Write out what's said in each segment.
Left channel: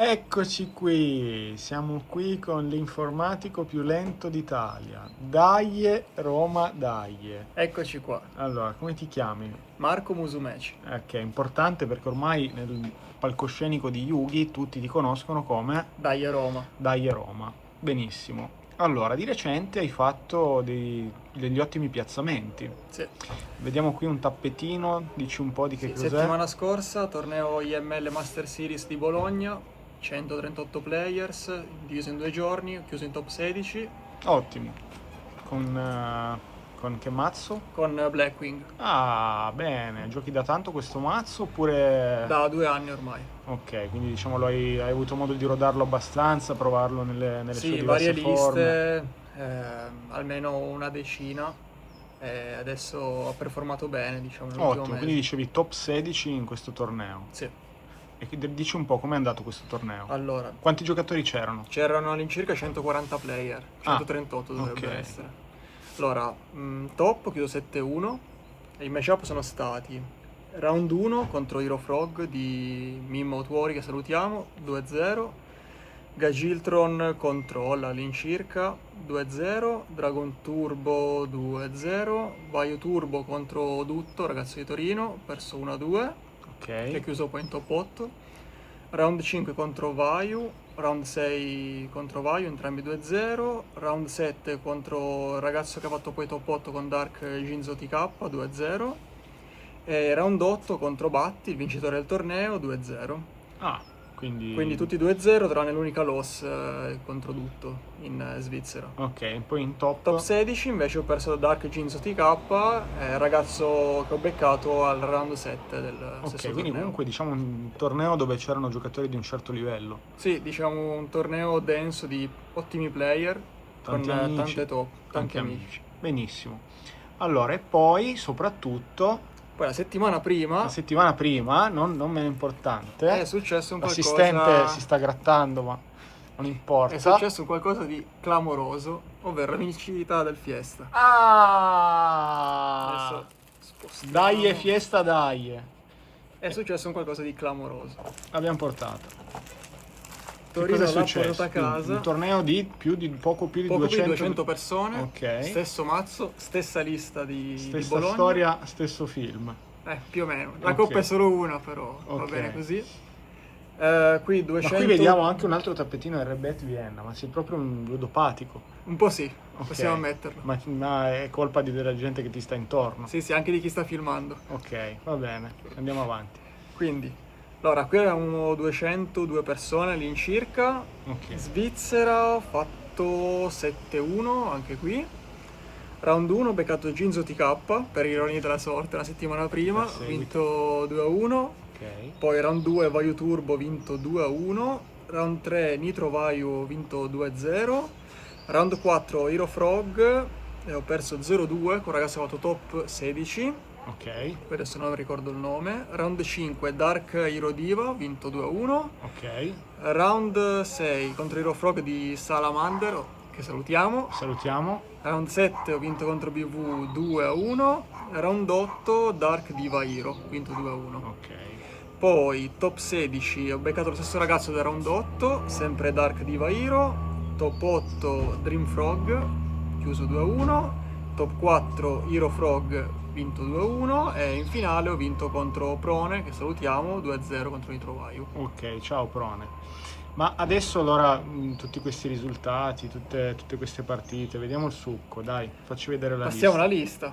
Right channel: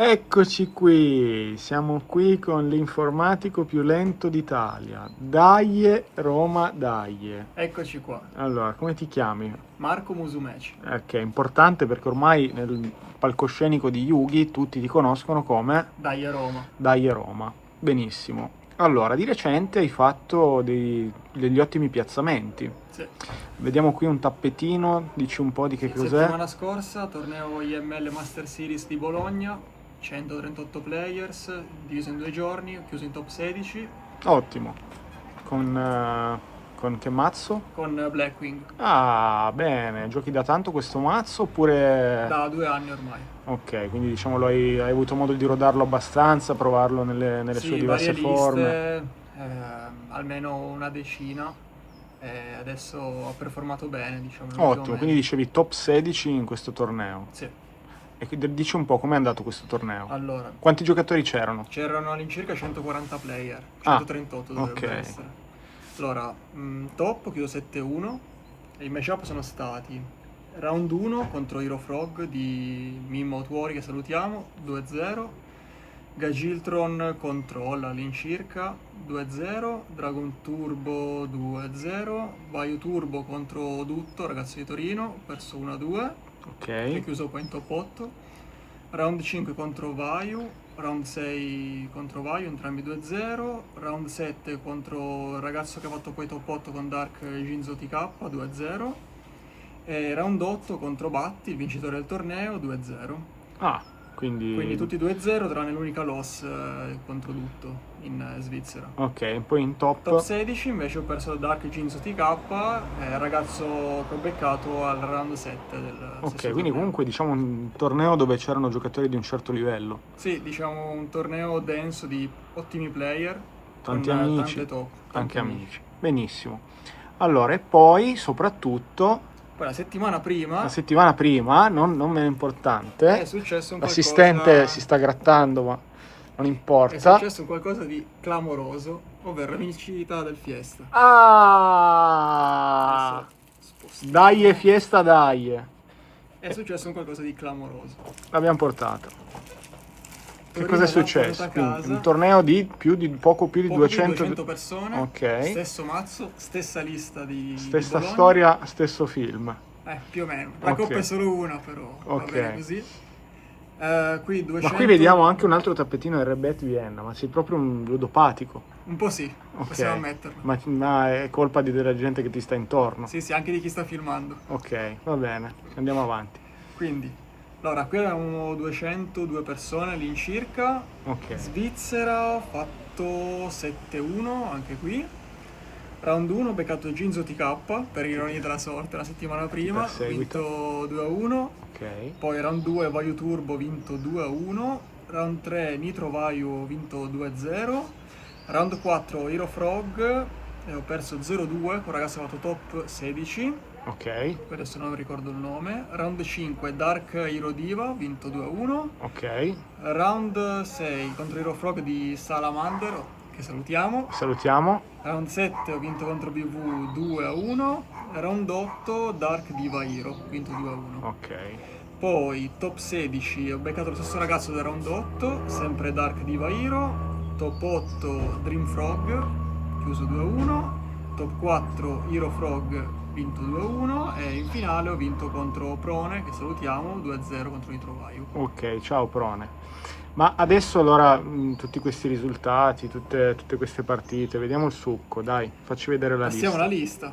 Eccoci qui, siamo qui con l'informatico più lento d'Italia. Dai Roma, dai. Eccoci qua, Allora, come ti chiami? Marco Musumeci. Che è importante perché ormai nel palcoscenico di Yugi tutti ti conoscono come Dai Roma. Dai Roma. Benissimo. Allora, di recente hai fatto degli ottimi piazzamenti. Sì. Vediamo qui un tappetino, dici un po' di che cos'è. Settimana scorsa, torneo IML Master Series di Bologna, 138 players, diviso in 2 giorni, chiuso in top 16, Ottimo. Con che mazzo? con Blackwing, Ah, bene. Giochi da tanto questo mazzo oppure... da 2 anni ormai. Ok, quindi diciamo hai avuto modo di rodarlo abbastanza, provarlo nelle sue Sì, varie diverse forme. liste, almeno una decina, e adesso ha performato bene, diciamo, nell'ultimo Ottimo, mese. quindi dicevi top 16 in questo torneo. Sì. E dici un po' com'è andato questo torneo. Allora, Quanti giocatori c'erano? c'erano all'incirca 140 player, Ah, 138 dovrebbe ok. essere. Allora, top chiudo 7-1 e i matchup sono stati round 1 contro Hero Frog di Mimmo Tuori, che salutiamo, 2-0, Gagiltron contro Olla all'incirca, 2-0, Dragon Turbo 2-0, Vaio Turbo contro Dutto, ragazzo di Torino, perso 1-2, che è Ok. chiuso poi in top 8. Round 5 contro Vayu, round 6 contro Vayu, entrambi 2-0, round 7 contro il ragazzo che ha fatto poi top 8 con Dark Jinzo TK 2-0 e round 8 contro Batti, il vincitore del torneo, 2-0. Ah, Quindi quindi... tutti 2-0 tranne l'unica loss contro Dutto in Svizzera. Ok, poi in Top 16 invece ho perso da Dark Jinzo TK, ragazzo che ho beccato al round 7 del Ok, stesso quindi torneo. comunque diciamo un torneo dove c'erano giocatori di un certo livello. Sì, diciamo un torneo denso di ottimi player con Tanti amici, tante top, tanti amici. Benissimo. Allora, e poi soprattutto Poi la settimana prima la settimana prima, non meno importante, è successo un l'assistente si qualcosa, sta grattando, ma non è importa. successo un qualcosa di clamoroso, ovvero la vincita del Fiesta. Ah! Adesso spostiamo. Dai e fiesta, dai! È successo un qualcosa di clamoroso. L'abbiamo portata. Che cosa è Torino l'ha portata successo? a Quindi, un casa, torneo di poco più di poco più di 200... 200 persone, Ok. stesso mazzo, stessa lista di Stessa Bologna. storia, stesso film. Più o meno. La Ok. coppa è solo una, però va Ok. bene così. Qui 200... Ma qui vediamo anche un altro tappetino RBet Vienna, ma sei proprio un ludopatico. Un po' sì, Ok. possiamo ammetterlo. Ma è colpa della gente che ti sta intorno. Sì, sì, anche di chi sta filmando. Ok, va bene, andiamo avanti. Quindi, allora, qui avevamo 202 persone all'incirca. Ok. Svizzera, ho fatto 7-1, anche qui. Round 1 ho beccato Jinzo TK, per ironia della sorte, la settimana prima. Ho vinto 2-1. Ok. Poi round 2 Vayu Turbo, ho vinto 2-1. Round 3 Nitro Vayu, ho vinto 2-0. Round 4 Hero Frog, ho perso 0-2 con un ragazzo che ha fatto top 16. Ok. Adesso non ricordo il nome. Round 5 Dark Hero Diva, ho vinto 2-1. Ok. Round 6 contro Hero Frog di Salamander, che salutiamo. Salutiamo. Round 7 ho vinto contro BV 2-1. Round 8 Dark Diva Hero, ho vinto 2-1. Ok. Poi top 16 ho beccato lo stesso ragazzo da round 8, sempre Dark Diva Hero. Top 8 Dream Frog, chiuso 2-1. Top 4 Hero Frog, vinto 2-1. E in finale ho vinto contro Prone, che salutiamo, 2-0 contro Nitro Vayu. Ok, ciao Prone. Ma adesso allora tutti questi risultati, tutte queste partite, vediamo il succo, dai, facci vedere la Passiamo lista. alla lista.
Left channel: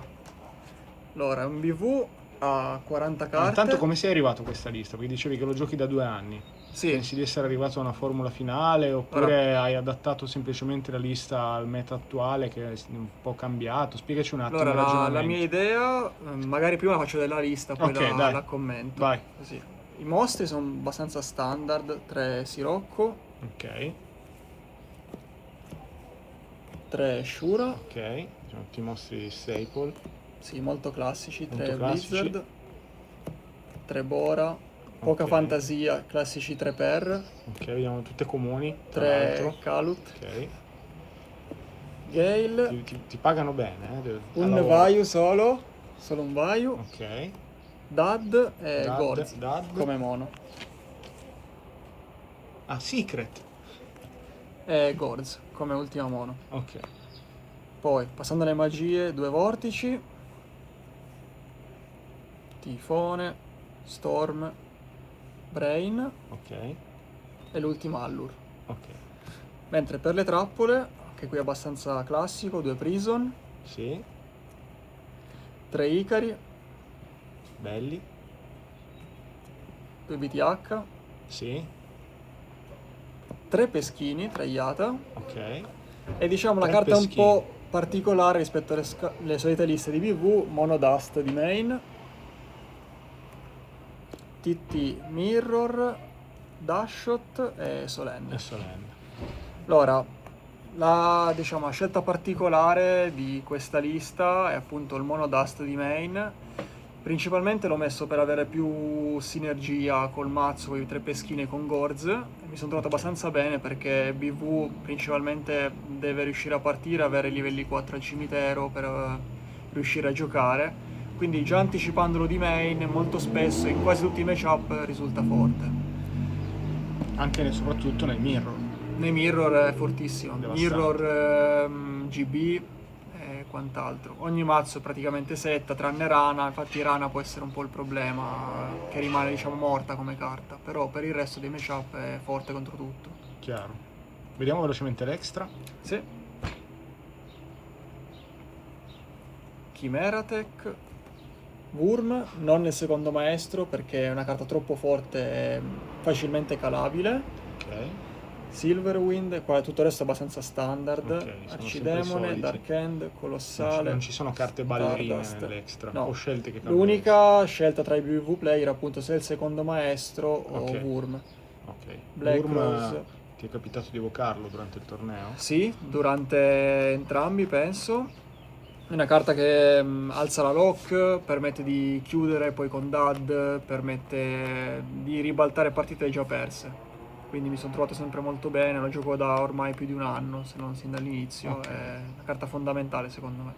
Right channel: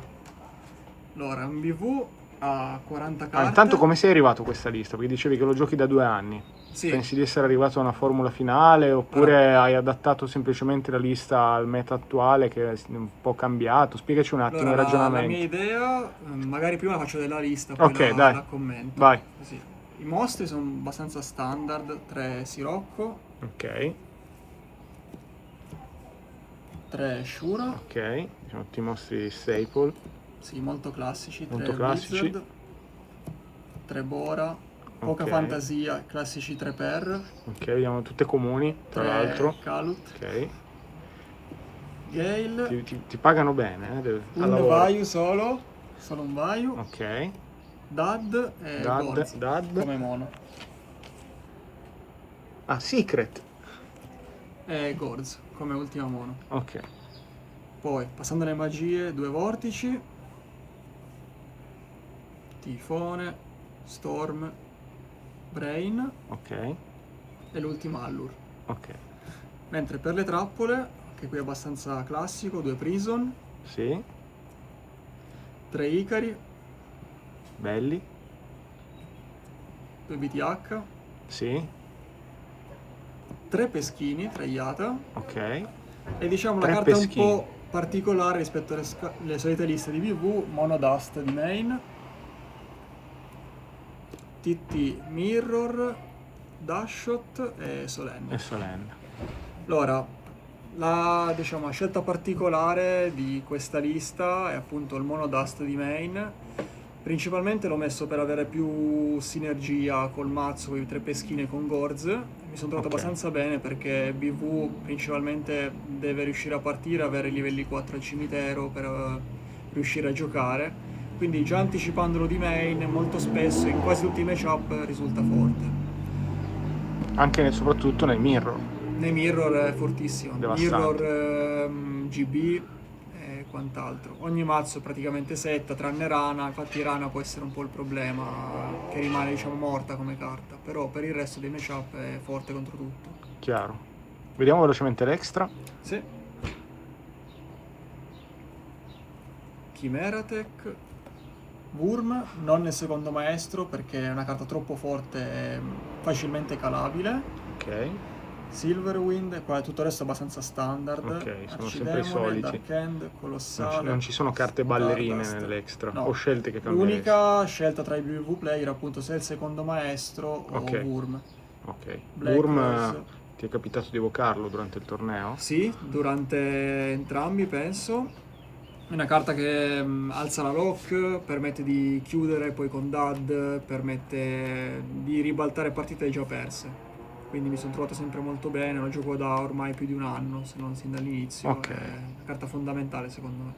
Allora, un BV a 40 carte. Intanto come sei arrivato a questa lista? Perché dicevi che lo giochi da 2 anni. Sì. Pensi di essere arrivato a una formula finale oppure hai adattato semplicemente la lista al meta attuale che è un po' cambiato? Spiegaci un attimo il Allora, la ragionamento. mia idea, magari prima la faccio della lista, poi Ok, dai. la commento. Vai. Così. I mostri sono abbastanza standard, 3 Sirocco, Ok, 3 Shura, ok, ti mostri staple. sì, molto classici, Molto 3 classici. Blizzard, 3 Bora, poca Ok. fantasia, classici 3 Per, Ok, vediamo tutte comuni, tra 3 l'altro. Kalut, Ok, Gale, ti pagano bene, al un lavoro. Vayu solo un Vayu, Ok, Dad e Gorz Dad. come mono. Ah, Secret. e Gorz come ultima mono. Ok. Poi, passando alle magie, 2 vortici, Tifone, Storm, Brain Ok. e l'ultima Allure. Ok. Mentre per le trappole, che qui è abbastanza classico, 2 Prison, Sì. 3 Icari, Belli. 2 BTH, Sì. 3 Peschini, 3 Iata, Ok. e diciamo la 3 carta un peschini. po' particolare rispetto alle solite liste di BV, Mono Dust di main, TT Mirror, Dashshot e Solenne. E solenne. Allora, diciamo, la scelta particolare di questa lista è appunto il Mono Dust di main. Principalmente l'ho messo per avere più sinergia col mazzo, con i 3 peschine e con Gorz. Mi sono trovato Ok. abbastanza bene perché BV principalmente deve riuscire a partire, avere livelli 4 al cimitero per riuscire a giocare. Quindi già anticipandolo di main, molto spesso in quasi tutti i matchup risulta forte. Anche e soprattutto nel mirror. Nei mirror è fortissimo, Devastante. mirror, GB e quant'altro. Ogni mazzo è praticamente setta, tranne Rana, infatti Rana può essere un po' il problema, che rimane diciamo morta come carta, però per il resto dei matchup è forte contro tutto. Chiaro. Vediamo velocemente l'extra. Sì. Chimeratech, Wurm, non nel secondo maestro perché è una carta troppo forte e facilmente calabile. Ok. Silverwind, qua tutto il resto è abbastanza standard. Ok, sono sempre i Arcidemone, soliti. Dark End, Colossale. Non ci sono carte ballerine Stardust. nell'extra. No. O scelte che cambiano. L'unica scelta tra i BV player appunto se è il secondo maestro o Ok. Wurm. Ok. Black Wurm, Rose. ti è capitato di evocarlo durante il torneo? Sì, durante entrambi penso. È una carta che alza la lock, permette di chiudere poi con dad, permette di ribaltare partite già perse. Quindi mi sono trovato sempre molto bene, lo gioco da ormai più di un anno, se non sin dall'inizio, Ok. è una carta fondamentale secondo me.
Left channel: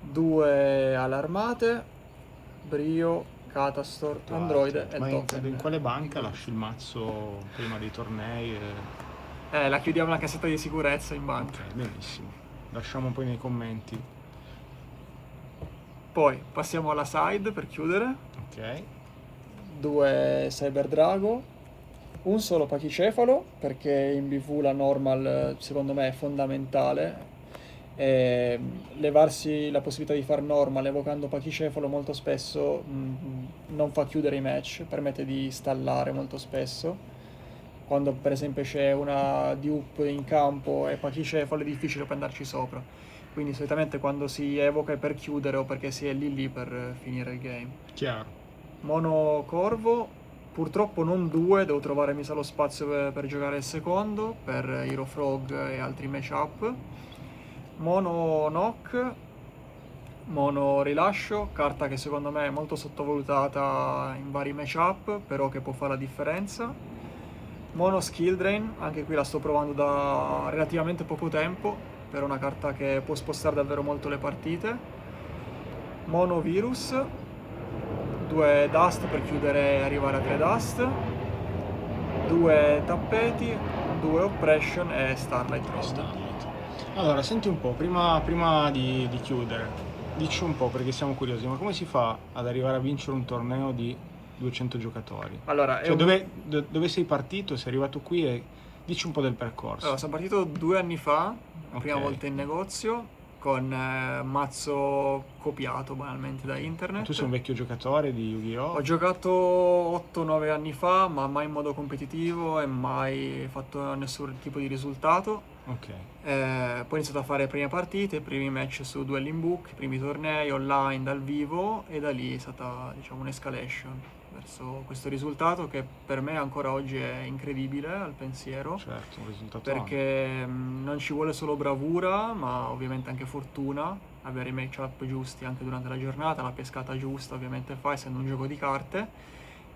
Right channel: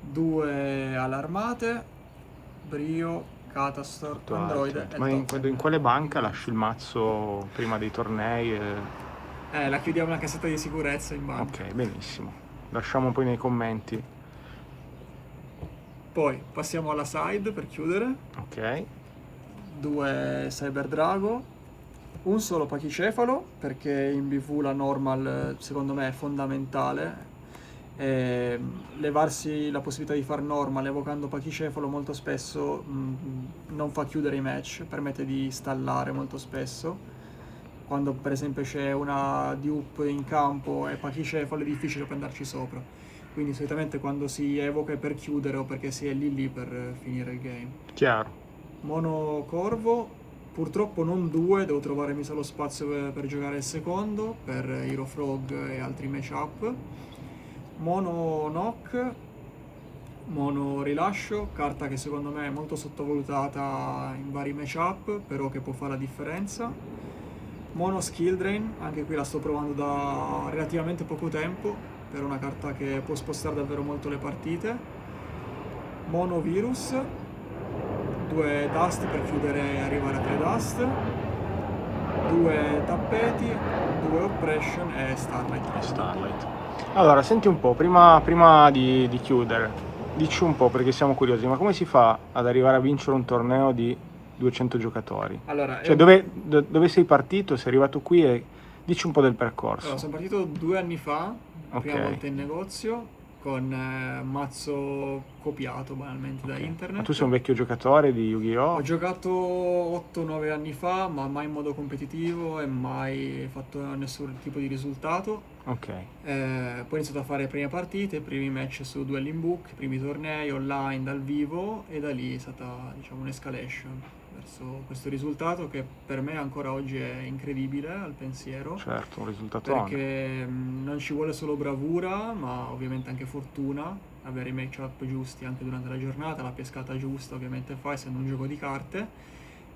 2 allarmate, Brio, Catastor, Tutto Androide altro. e Ma il in, token. quale banca lasci il mazzo prima dei tornei? La chiudiamo la cassetta di sicurezza in banca. Ok, benissimo. Lasciamo poi nei commenti. Poi passiamo alla side per chiudere. Ok. 2 Cyber Drago, un solo pachicefalo perché in BV la normal secondo me è fondamentale. Levarsi la possibilità di far normal evocando pachicefalo molto spesso non fa chiudere i match, permette di stallare molto spesso. Quando per esempio c'è una dupe in campo e pachicefalo è difficile poi andarci sopra. Quindi solitamente quando si evoca è per chiudere o perché si è lì per finire il game. Chiaro. Mono Corvo, purtroppo non 2, devo trovare mi sa lo spazio per giocare il secondo, per Hero Frog e altri matchup. Mono Knock, Mono Rilascio, carta che secondo me è molto sottovalutata in vari matchup, però che può fare la differenza. Mono Skill Drain, anche qui la sto provando da relativamente poco tempo, per una carta che può spostare davvero molto le partite. Mono Virus, 2 Dust per chiudere e arrivare a 3 Dust, 2 Tappeti, 2 Oppression e Starlight. Starlight. Allora, senti un po', prima di chiudere, dici un po' perché siamo curiosi, ma come si fa ad arrivare a vincere un torneo di 200 giocatori? Allora, Cioè, dove sei partito? Sei arrivato qui e dici un po' del percorso. Allora, sono partito 2 anni fa, la prima Ok. volta in negozio, con mazzo copiato banalmente da internet. Ma tu sei un vecchio giocatore di Yu-Gi-Oh? Ho giocato 8-9 anni fa, ma mai in modo competitivo e mai fatto nessun tipo di risultato. Ok. Poi ho iniziato a fare le prime partite, i primi match su Dueling Book, i primi tornei online dal vivo e da lì è stata diciamo un'escalation verso questo risultato che per me ancora oggi è incredibile al pensiero. Certo, un risultato Perché non ci vuole solo bravura, ma ovviamente anche fortuna, avere i matchup giusti anche durante la giornata, la pescata giusta ovviamente fa, essendo un gioco di carte.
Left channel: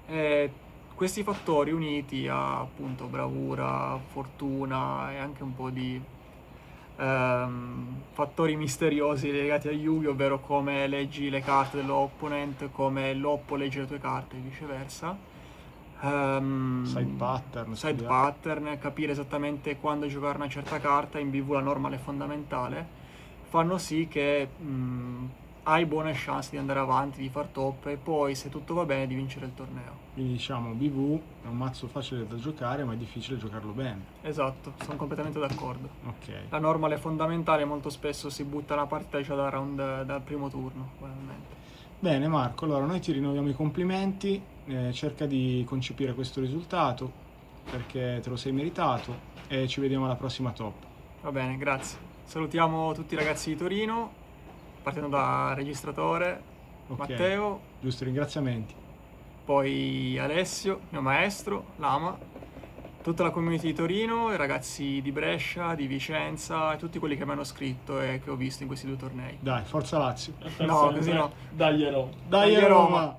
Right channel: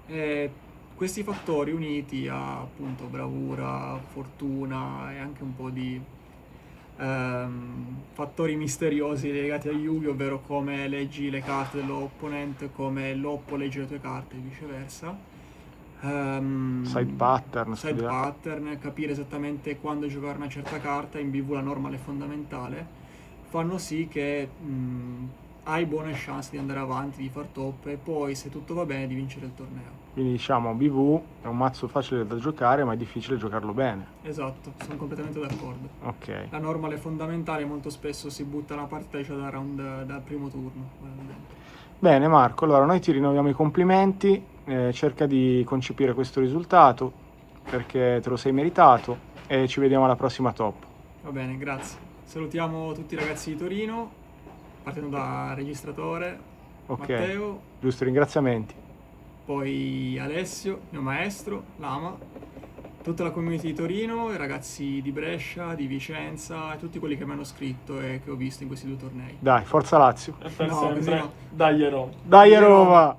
E questi fattori uniti a appunto bravura, fortuna e anche un po' di fattori misteriosi legati a Yugi, ovvero come leggi le carte dell'opponent, come l'oppo legge le tue carte e viceversa. Side pattern, side studiare. pattern, capire esattamente quando giocare una certa carta, in BV la normal è fondamentale, fanno sì che hai buone chance di andare avanti, di far top e poi se tutto va bene di vincere il torneo. Quindi diciamo BV è un mazzo facile da giocare, ma è difficile giocarlo bene. Esatto, sono completamente d'accordo. Ok. La normal è fondamentale, molto spesso si butta una partita già dal primo turno, banalmente. Bene Marco, allora noi ti rinnoviamo i complimenti, cerca di concepire questo risultato perché te lo sei meritato e ci vediamo alla prossima top. Va bene, grazie. Salutiamo tutti i ragazzi di Torino, partendo da registratore, Ok, Matteo, giusto, ringraziamenti. poi Alessio, mio maestro, Lama, tutta la community di Torino, i ragazzi di Brescia, di Vicenza e tutti quelli che mi hanno scritto e che ho visto in questi 2 tornei. Dai, forza Lazio. E per No, sempre, così no. dagli Roma. Dai Dai, Roma! Roma!